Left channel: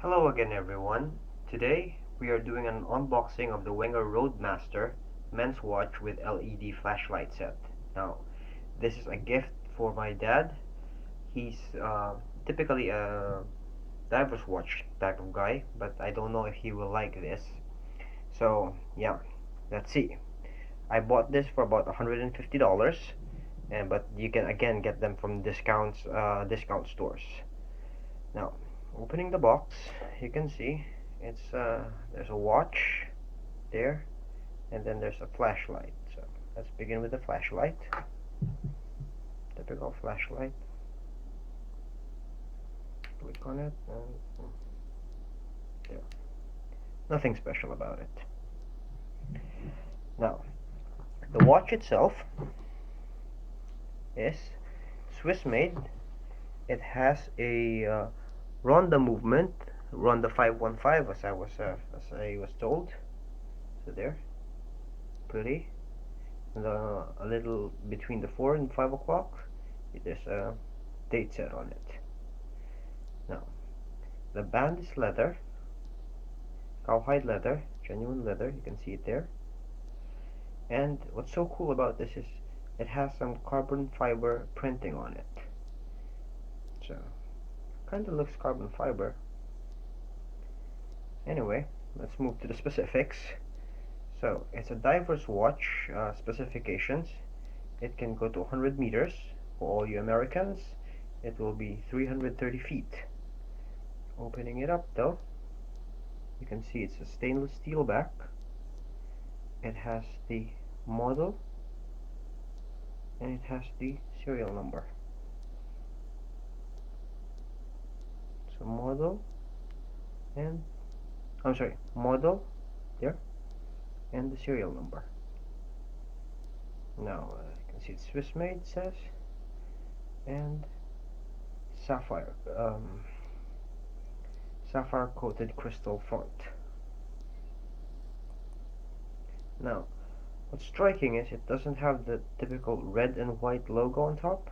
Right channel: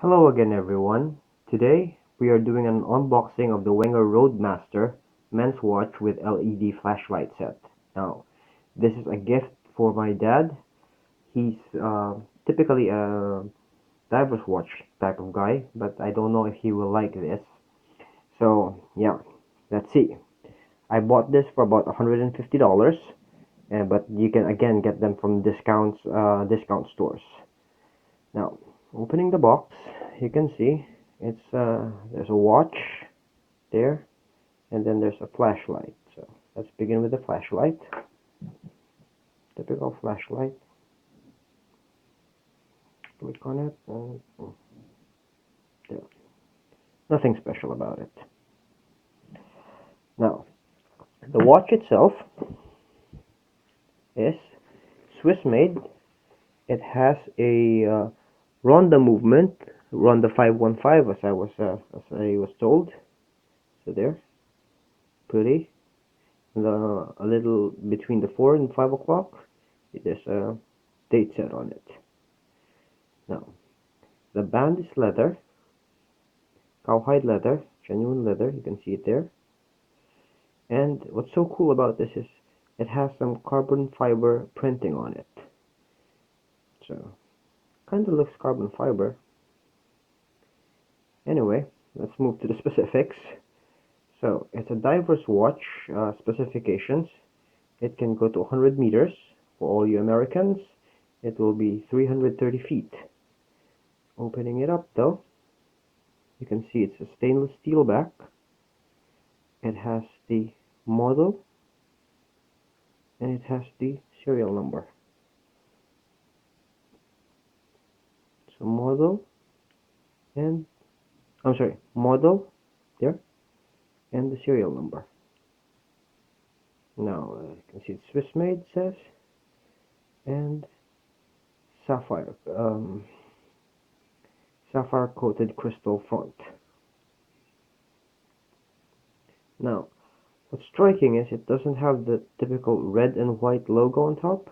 Hello again everyone. Today we are doing an unboxing of the Wenger Roadster men's watch with LED flashlight set. Now, this is a gift for my dad. He's typically a diver's watch type of guy, but I don't know if he will like this. So yeah, let's see. I bought this for about $150, but you can again get them from discount stores. Now, opening the box, you can see there's a watch there, and then there's a flashlight. So let's begin with the flashlight. Typical flashlight. Click on it, and there. Nothing special about it. Now, the watch itself is Swiss made. It has a Ronda movement, Ronda 515, as I was told. So there, pretty. And a little between the 4 and 5 o'clock, there's a date set on it. Now, the band is leather, cowhide leather, genuine leather. You can see it there. And what's so cool about this is it has some carbon fiber printing on it. So, kind of looks carbon fiber. Anyway, let's move to the specifics. So, it's a diver's watch. Specifications. It can go to 100 meters. For all you Americans, it will be 330 feet. Opening it up though, you can see it's a stainless steel back. It has the model and it has the serial number. So model and model there and the serial number. Now you can see it's Swiss made, says, and sapphire coated crystal font. Now, what's striking is it doesn't have the typical red and white logo on top,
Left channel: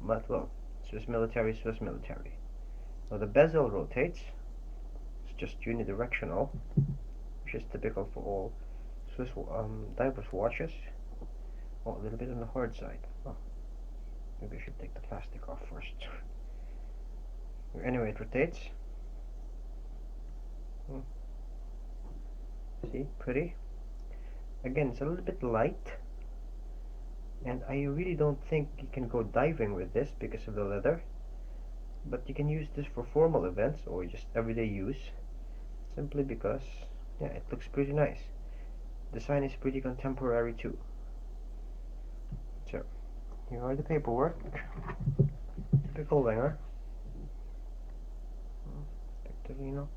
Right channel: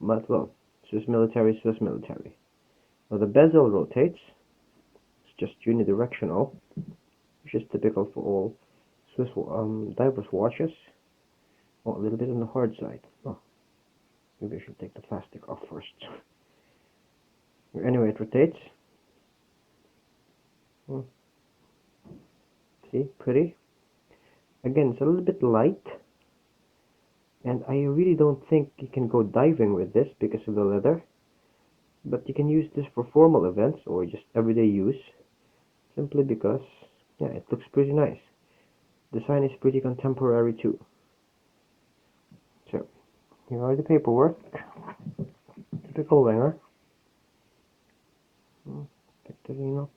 but well, Swiss Military. Now the bezel rotates. It's just unidirectional, which is typical for all Swiss divers watches. Oh, a little bit on the hard side. Oh, maybe I should take the plastic off first. Anyway, it rotates. See, pretty. Again, it's a little bit light, and I really don't think you can go diving with this because of the leather, but you can use this for formal events or just everyday use, simply because yeah, it looks pretty nice. Design is pretty contemporary too. So here are the paperwork. Typical Wenger. Victorinox.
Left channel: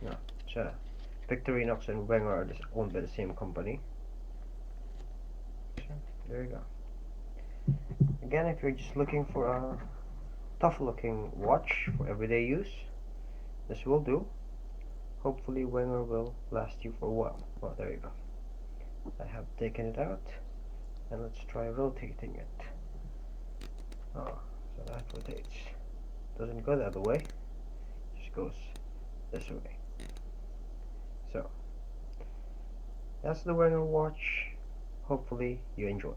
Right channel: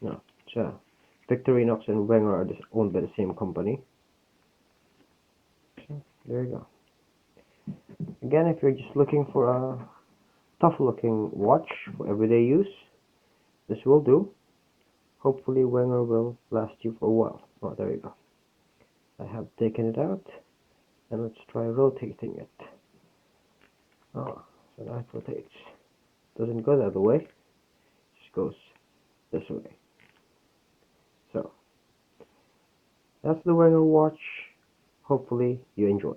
No, it's Victorinox and Wenger are owned by the same company. So there you go. Again, if you're just looking for a tough looking watch for everyday use, this will do. Hopefully Wenger will last you for a while. Oh, there you go. I have taken it out, and let's try rotating it. Oh, so that rotates. Doesn't go the other way, just goes this way. So that's the Wenger watch. Hopefully you enjoy.